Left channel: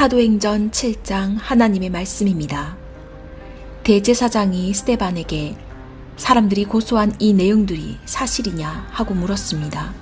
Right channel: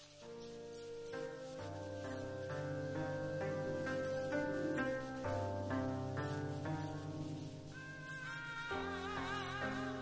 사도행전 7장 하나님의 말씀입니다. 대제사장이 스데반에게 사람들이 고소한 이 내용들이 사실이냐 하고 물었습니다.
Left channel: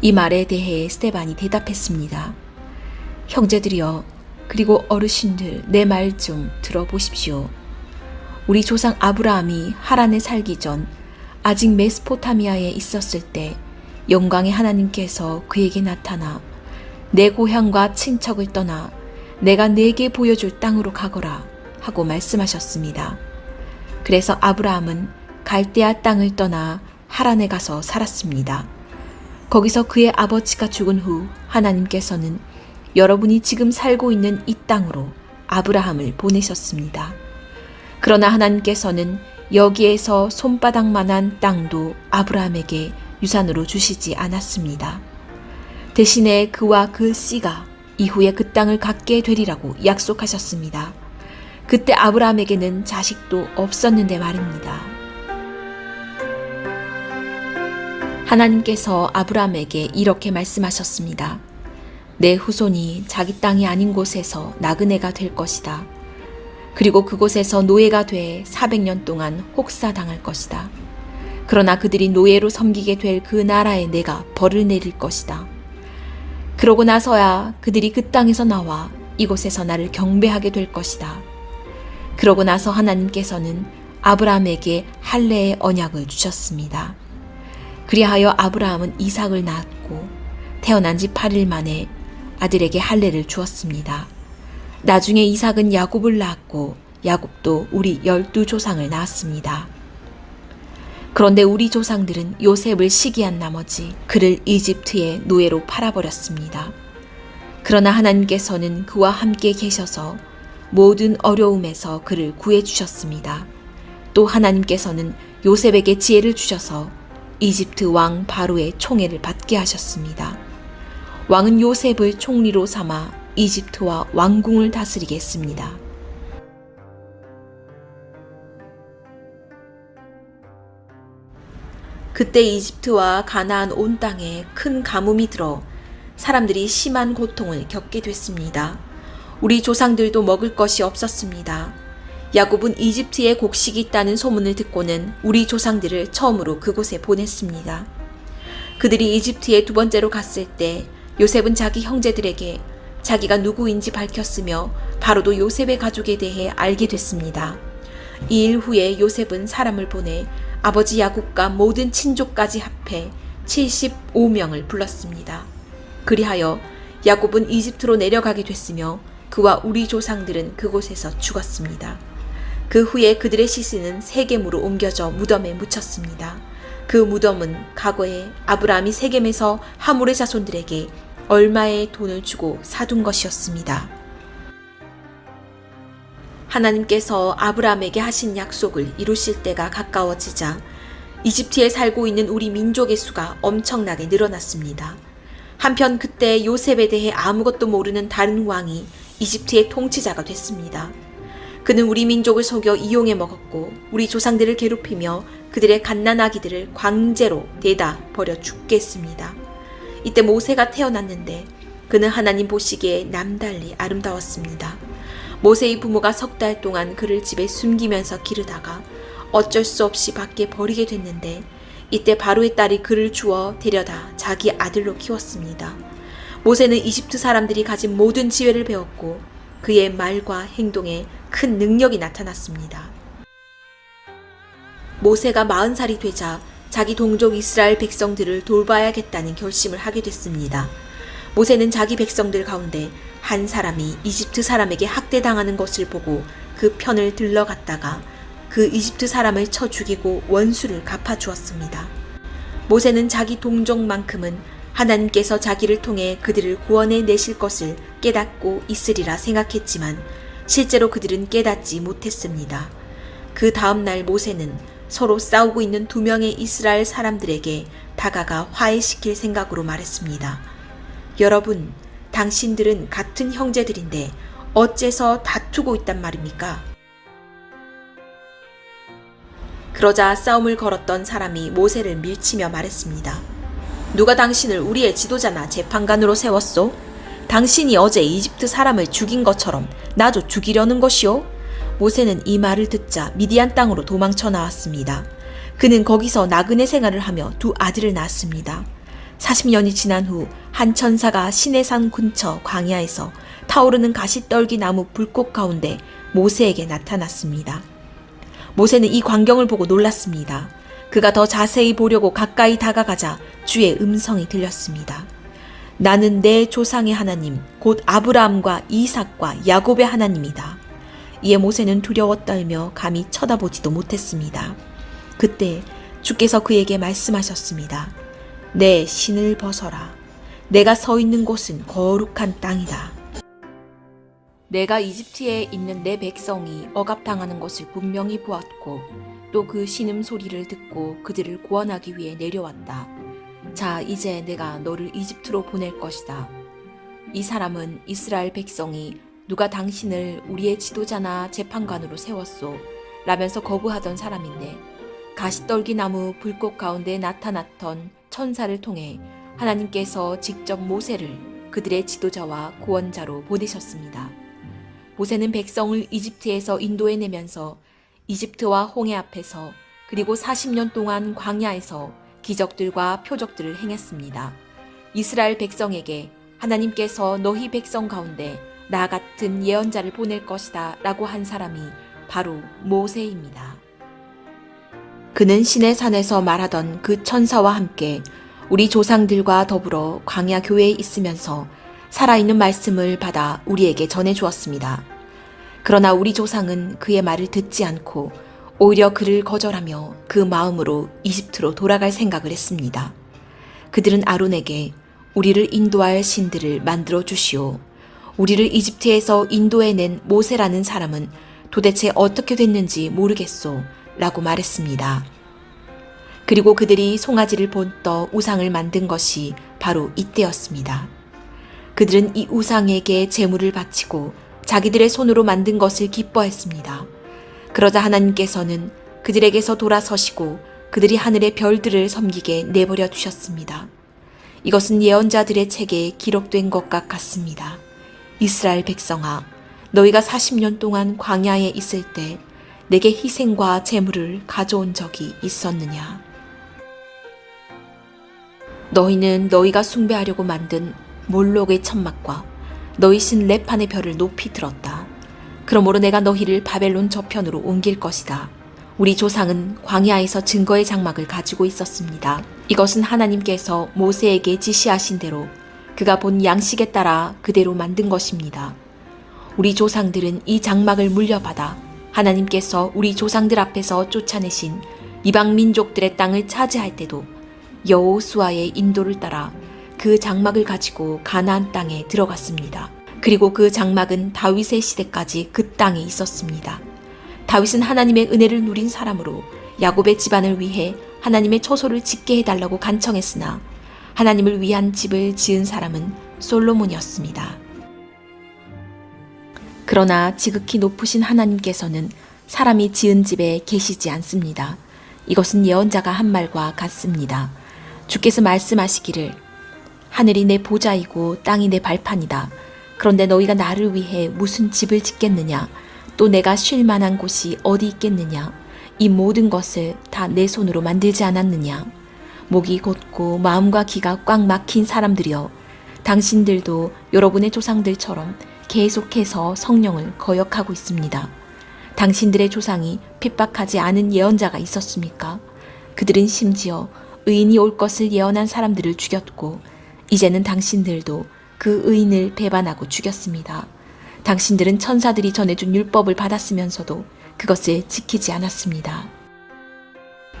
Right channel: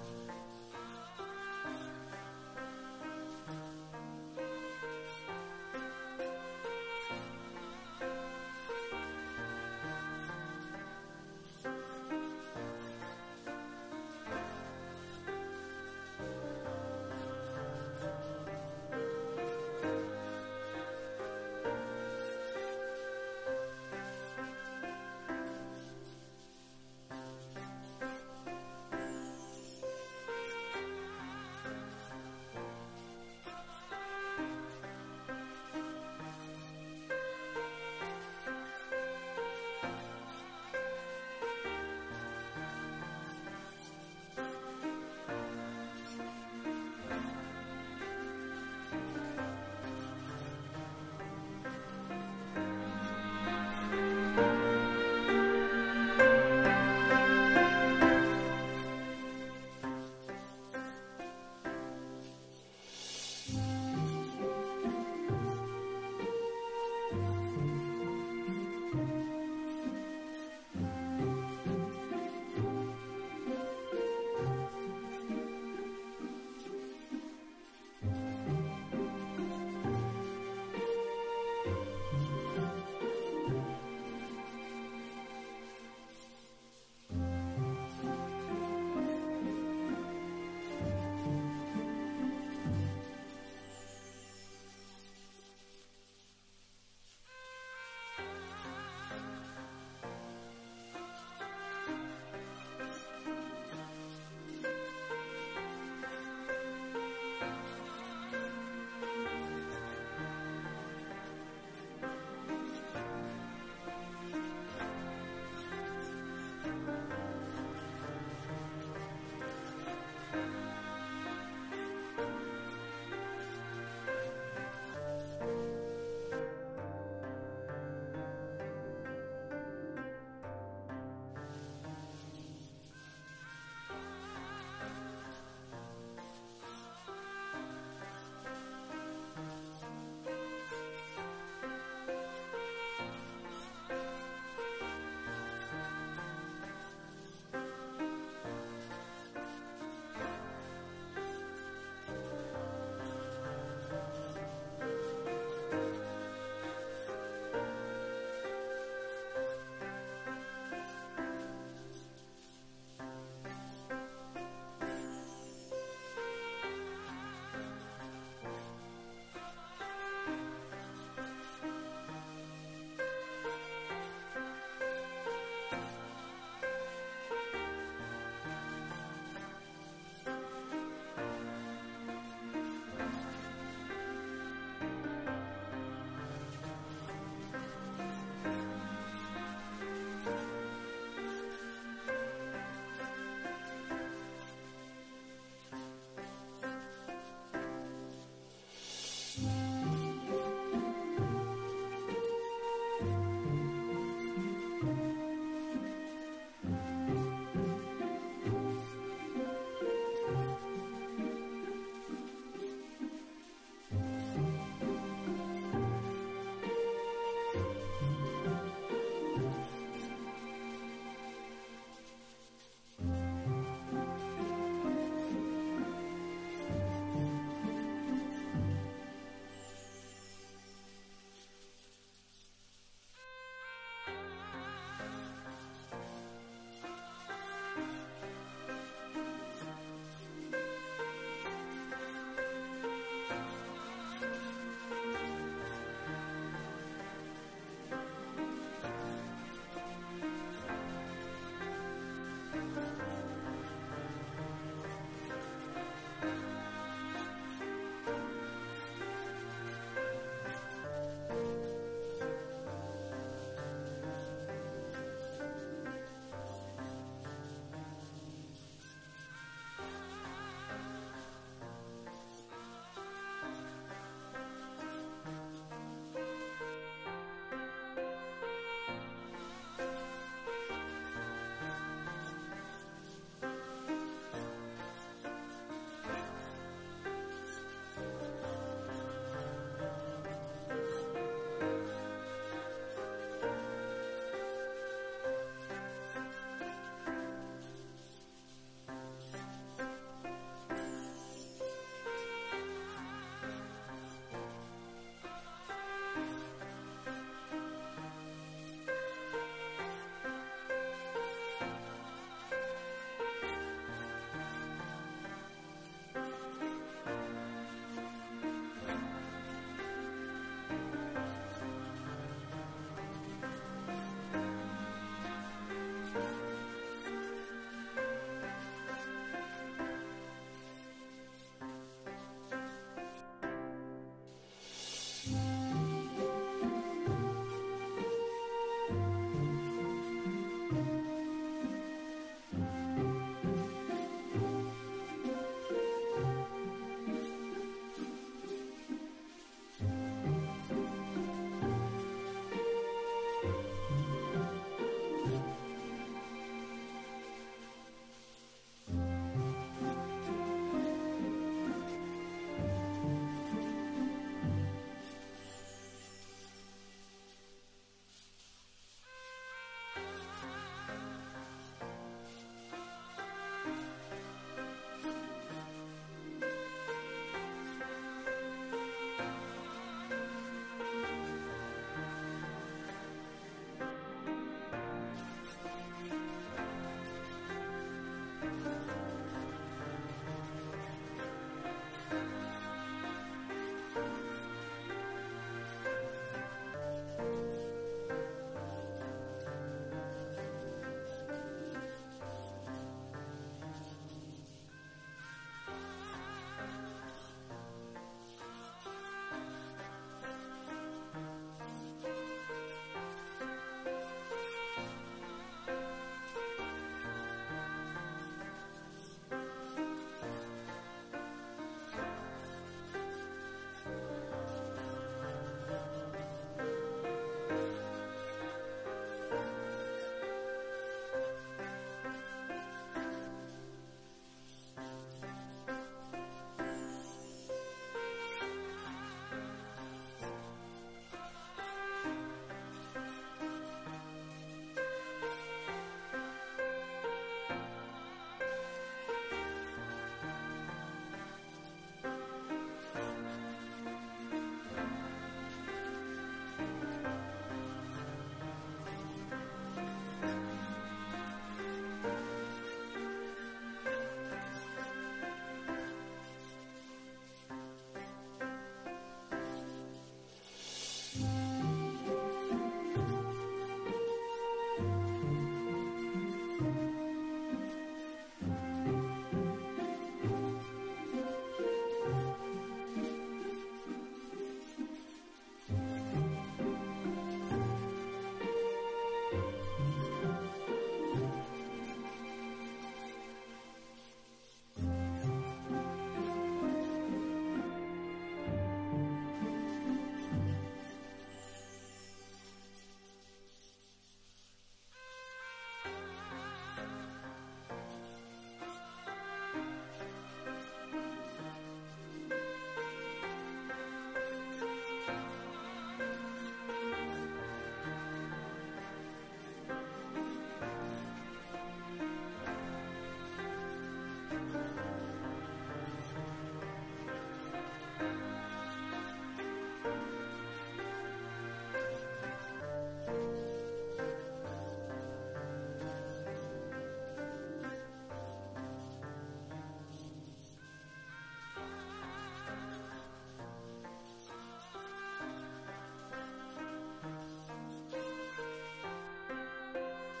이 말에 대해 스데반이 대답했습니다. 형제들이여, 그리고 어르신들, 내 말 좀 들어보십시오. 우리 조상 아브라함이 하란에 살기 전 아직 메소포타미아에 있었을 때 영광의 하나님께서 그에게 나타나 내 고향과 친척을 떠나 내가 네게 보여줄 땅으로 가거라 하고 말씀하셨습니다. 그래서 아브라함은 갈대아 땅을 떠나 하란에 가서 살았습니다. 거기서 그의 아버지가 죽은 후 하나님께서는 여러분이 지금 살고 있는 이 땅으로 아브라함을 보내셨습니다. 그러나 하나님께서는 여기에서 손바닥만한 땅도 아브라함에게 유산으로 주시지 않았습니다. 대신에 그와 그 씨가 이후에 그 땅을 갖게 되리라고 약속하셨습니다. 그때 아브라함에게는 자식도 없었는데 말입니다. 하나님께서 아브라함에게 이렇게 말씀하셨습니다. 내 후손이 자기 땅이 아닌 곳에서 나그네가 될 것이다. 그리고 그곳에서 노예가 돼 400년 동안 혹사당할 것이다. 그러나 그들이 노예로 섬기게 될 그 나라에 내가 벌을 내릴 것이다. 그러고 나서야 그들이 그 땅에서 나와 이곳에서 나를 경배하게 될 것이다. 그러고 나서 하나님께서는 아브라함에게 할례의 언약을 주셨습니다. 그리하여 아브라함은 이삭을 낳았고 태어난 지 8일 만에 아들에게 할례를 주었습니다. 나중에 이삭은 야곱을 낳았고 야곱도 우리 12조상을 낳았습니다. 그런데 우리 조상들은 요셉을 시기한 나머지 그를 이집트의 노예로 팔아버렸습니다. 그러나 하나님께서는 그와 함께 계셔서 모든 어려움에서 그를 구해주셨습니다. 또 하나님께서는 요셉에게 지혜를 주셔서 이집트 왕 바로의 총애를 받게 하셨습니다. 왕은 요셉을 총리로 삼아 이집트와 왕궁을 다스리게 했습니다. 그때 이집트와 가나안 온 땅에 큰 가뭄이 들어 사람들이 심한 고통을 겪게 됐습니다. 우리 조상들도 먹을 것이 없었습니다. 야곱은 이집트에 곡식이 있다는 소문을 듣고는 우리 조상들을 처음으로 그곳에 보냈습니다. 그들이 이집트에 두 번째로 갔을 때 요셉은 자기 형제들에게 자기가 누구인지 밝혔으며 바로도 요셉의 가족에 대해 알게 됐습니다. 이 일 후에 요셉은 사람을 보내 아버지 야곱과 모든 친족까지 합해 75명을 불렀습니다. 그리하여 야곱은 이집트로 내려가게 됐으며 그와 우리 조상들은 그곳에서 죽었습니다. 그 후에 그들의 시신은 세겜으로 옮겨져 무덤에 묻혔습니다. 그 무덤은 과거에 아브라함이 세겜에서 하몰의 자손들에게 얼마의 돈을 주고 사둔 것이었습니다. 하나님께서 아브라함에게 하신 약속을 이루실 때가 가까워지자 이집트에 살고 있는 우리 민족의 수가 엄청나게 늘어났습니다. 한편 그때 요셉에 대해 아무것도 모르는 다른 왕이 이집트의 통치자가 됐습니다. 그는 우리 민족을 속여 이용해 먹었고 우리 조상들을 괴롭히며 그들의 갓난아기들을 광제로 내다 버려 죽게 했습니다. 이때 모세가 태어났는데 그는 하나님 보시기에 남달리 아름다웠습니다. 모세의 부모가 3달 동안 그를 집에 숨기면서 기르다가 어쩔 수 없이 밖에 버리게 됐는데 이때 바로의 딸이 그를 주워 데려다 자기 아들로 키웠습니다. 모세는 이집트 사람들이 가진 모든 지혜를 배웠고 그의 말과 행동에 큰 능력이 나타났습니다. 모세가 40살이 되자 자기 동족 이스라엘 백성들을 돌봐야겠다는 결심을 하게 됐습니다. 모세는 자기 백성들 가운데 한 사람이 이집트 사람에게 학대당하는 것을 보고 그 편을 들러갔다가 그 이집트 사람을 쳐 죽이고 원수를 갚아주었습니다. 모세는 자기 동족만큼은 하나님께서 자기를 통해 그들을 구원해 내실 것을 깨닫고 있으리라 생각했지만 실제로 그들은 깨닫지 못했습니다. 그 다음 날 모세는 서로 싸우고 있는 2명의 이스라엘 사람들에게 다가가 화해시킬 생각으로 말했습니다. 여러분, 당신들은 같은 형제들인데 어째서 다투고 있단 말입니까? 그러자 싸움을 걸었던 사람이 모세를 밀치며 말했습니다. 누가 당신을 우리의 지도자나 재판관으로 세웠소? 당신이 어제 이집트 사람을 죽인 것처럼 나도 죽이려는 것이오? 모세는 이 말을 듣자 미디안 땅으로 도망쳐 나왔습니다. 그는 거기서 나그네 생활을 하며 두 아들을 낳았습니다. 40년이 지난 후 한 천사가 시내산 근처 광야에서 타오르는 가시떨기 나무 불꽃 가운데 모세에게 나타났습니다. 모세는 이 광경을 보고 놀랐습니다. 그가 더 자세히 보려고 가까이 다가가자 주의 음성이 들렸습니다. 나는 내 조상의 하나님, 곧 아브라함과 이삭과 야곱의 하나님이다. 이에 모세는 두려워 떨며 감히 쳐다보지도 못했습니다. 그때 주께서 그에게 말씀하셨습니다. 내 신을 벗어라. 내가 서 있는 곳은 거룩한 땅이다. 내가 이집트에 있는 내 백성이 억압당하는 것을 분명히 보았고 또 그 신음 소리를 듣고 그들을 구원하기 위해 내려왔다. 자, 이제 내가 너를 이집트로 보낼 것이다. 이 사람은 이스라엘 백성이 누가 당신을 우리의 지도자나 재판관으로 세웠소? 라면서 거부하던 사람인데 가시떨기 나무 불꽃 가운데 나타났던 천사를 통해 하나님께서 직접 모세를 그들의 지도자와 구원자로 보내셨습니다. 모세는 백성을 이집트에서 인도해내면서 이집트와 홍해 앞에서 그리고 40년 동안 광야에서 기적들과 표적들을 행했습니다. 이스라엘 백성에게 하나님께서 너희 백성 가운데 나 같은 예언자를 보낼 것이다 라고 한 사람이 바로 모세입니다. 그는 시내산에서 말하던 그 천사와 함께 우리 조상들과 더불어 광야 교회에 있으면서 살아있는 말씀을 받아 우리에게 전해주었습니다. 그러나 우리 조상은 그의 말을 듣지 않고 오히려 그를 거절하며 그 마음으로 이집트로 돌아갈 생각을 했습니다. 그들은 아론에게 우리를 인도할 신들을 만들어 주시오. 우리를 이집트에서 인도해낸 모세라는 사람은 도대체 어떻게 됐는지 모르겠소 라고 말했습니다. 그리고 그들이 송아지를 본떠 우상을 만든 것이 바로 이때였습니다. 그들은 이 우상에게 제물을 바치고 자기들의 손으로 만든 것을 기뻐했습니다. 그러자 하나님께서는 그들에게서 돌아서시고 그들이 하늘의 별들을 섬기게 내버려 두셨습니다. 이것은 예언자들의 책에 기록된 것과 같습니다. 이스라엘 백성아, 너희가 40년 동안 광야에 있을 때 내게 희생과 제물을 가져온 적이 있었느냐? 너희는 너희가 숭배하려고 만든 몰록의 천막과 너희 신 레판의 별을 높이 들었다. 그러므로 내가 너희를 바벨론 저편으로 옮길 것이다. 우리 조상은 광야에서 증거의 장막을 가지고 있었습니다. 이것은 하나님께서 모세에게 지시하신 대로 그가 본 양식에 따라 그대로 만든 것입니다. 우리 조상들은 이 장막을 물려받아 하나님께서 우리 조상들 앞에서 쫓아내신 이방 민족들의 땅을 차지할 때도 여호수아의 인도를 따라 그 장막을 가지고 가나안 땅에 들어갔습니다. 그리고 그 장막은 다윗의 시대까지 그 땅에 있었습니다. 다윗은 하나님의 은혜를 누린 사람으로 야곱의 집안을 위해 하나님의 처소를 짓게 해달라고 간청했으나 하나님을 위한 집을 지은 사람은 솔로몬이었습니다. 그러나 지극히 높으신 하나님께서는 사람이 지은 집에 계시지 않습니다. 이것은 예언자가 한 말과 같습니다. 주께서 말씀하시기를 하늘이 내 보좌이고 땅이 내 발판이다. 그런데 너희가 나를 위해 무슨 집을 짓겠느냐? 또 내가 쉴 만한 곳이 어디 있겠느냐? 이 모든 것을 다 내 손으로 만들지 않았느냐? 목이 곧고 마음과 귀가 꽉 막힌 사람들이여, 당신들도 여러분의 조상들처럼 계속해서 성령을 거역하고 있습니다. 당신들의 조상이 핍박하지 않은 예언자가 있었습니까? 그들은 심지어 의인이 올 것을 예언한 사람들을 죽였고 이제는 당신들도 그 의인을 배반하고 죽였습니다. 당신들은 천사들이 전해준 율법을 받았으면서도 그것을 지키지 않았습니다.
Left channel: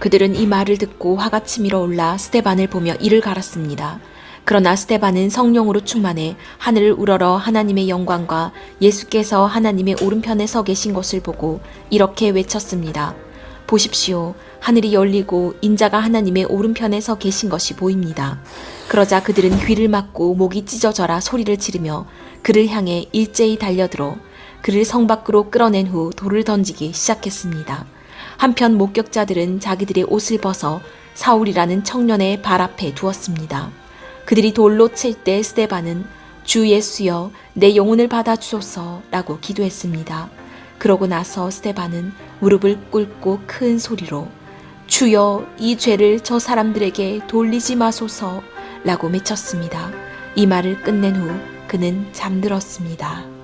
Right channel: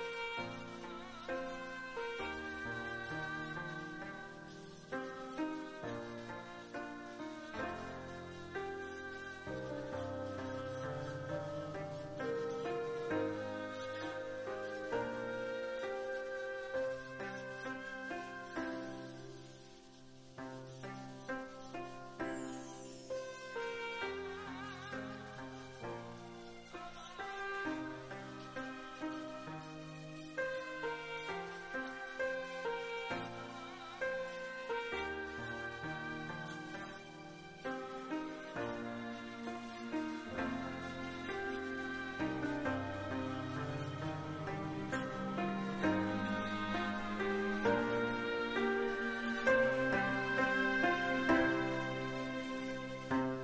그들은 이 말을 듣고 화가 치밀어 올라 스데반을 보며 이를 갈았습니다. 그러나 스데반은 성령으로 충만해 하늘을 우러러 하나님의 영광과 예수께서 하나님의 오른편에 서 계신 것을 보고 이렇게 외쳤습니다. 보십시오. 하늘이 열리고 인자가 하나님의 오른편에 서 계신 것이 보입니다. 그러자 그들은 귀를 막고 목이 찢어져라 소리를 지르며 그를 향해 일제히 달려들어 그를 성 밖으로 끌어낸 후 돌을 던지기 시작했습니다. 한편 목격자들은 자기들의 옷을 벗어 사울이라는 청년의 발 앞에 두었습니다. 그들이 돌로 칠 때 스데반은 주 예수여 내 영혼을 받아주소서 라고 기도했습니다. 그러고 나서 스데반은 무릎을 꿇고 큰 소리로 주여 이 죄를 저 사람들에게 돌리지 마소서 라고 외쳤습니다. 이 말을 끝낸 후 그는 잠들었습니다.